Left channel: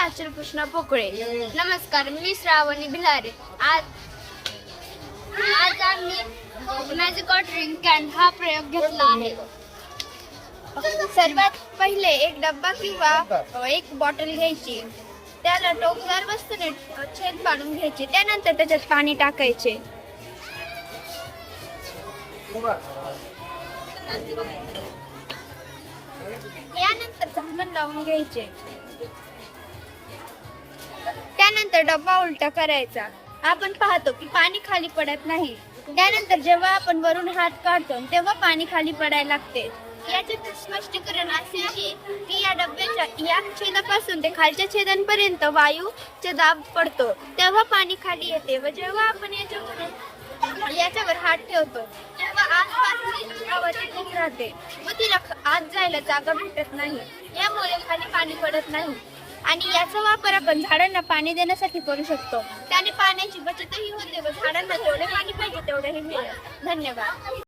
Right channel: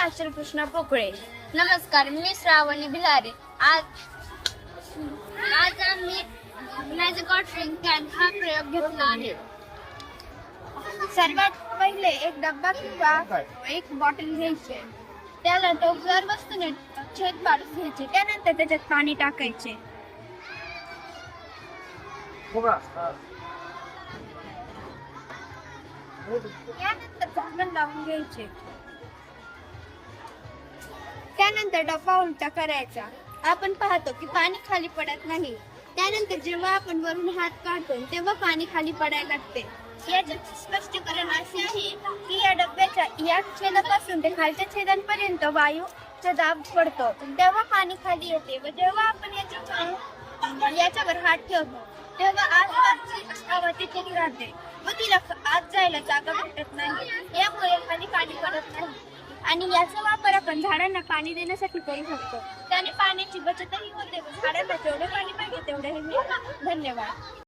अचल कृष्णा पोकळे. नमस्कार, मी श्रावणी भिलारे. आज आम्ही मॅजिक वॉटरिंग कॅन हा प्रयोग घेतला आहे. सर्वात पहिले एक डब्बा किंवा एक बॉटल घ्यायची, त्याला टोपल्यावर वस्तूने छेद पाडून घ्यायची, त्यानंतर त्याच्यात पाणी टाकायचे. यानंतर झाकण लावून घ्यायचे. त्यानंतर डब्बा उलटा करायचा. आपण पाहतो की पाणी खाली पडत नाही. त्यानंतर जेव्हा आपण वरून हात काढतो तेव्हा पाणी खाली पडायला लागते. याचे स्पष्टीकरण असे आहे की या डब्याच्या या छेदापासून ते खालच्या छेदांपर्यंत वायूचा दाब पडतो, तेव्हा पाणी खाली येते. व जेव्हा आपण याच्यावर हात ठेवतो तेव्हा आसपासची हवा तिथेच राहते व तिला आत जायला जागा भेटत नाही. यामुळे खाली पाणी पडत नाही. आणि याचा वापर आपण झाडांना पाणी देण्यासाठी करू शकतो. त्याने पाण्याची बचतही होते व झाडांना जेवढे पाणी पाहिजे तेवढेही मिळेल. धन्यवाद.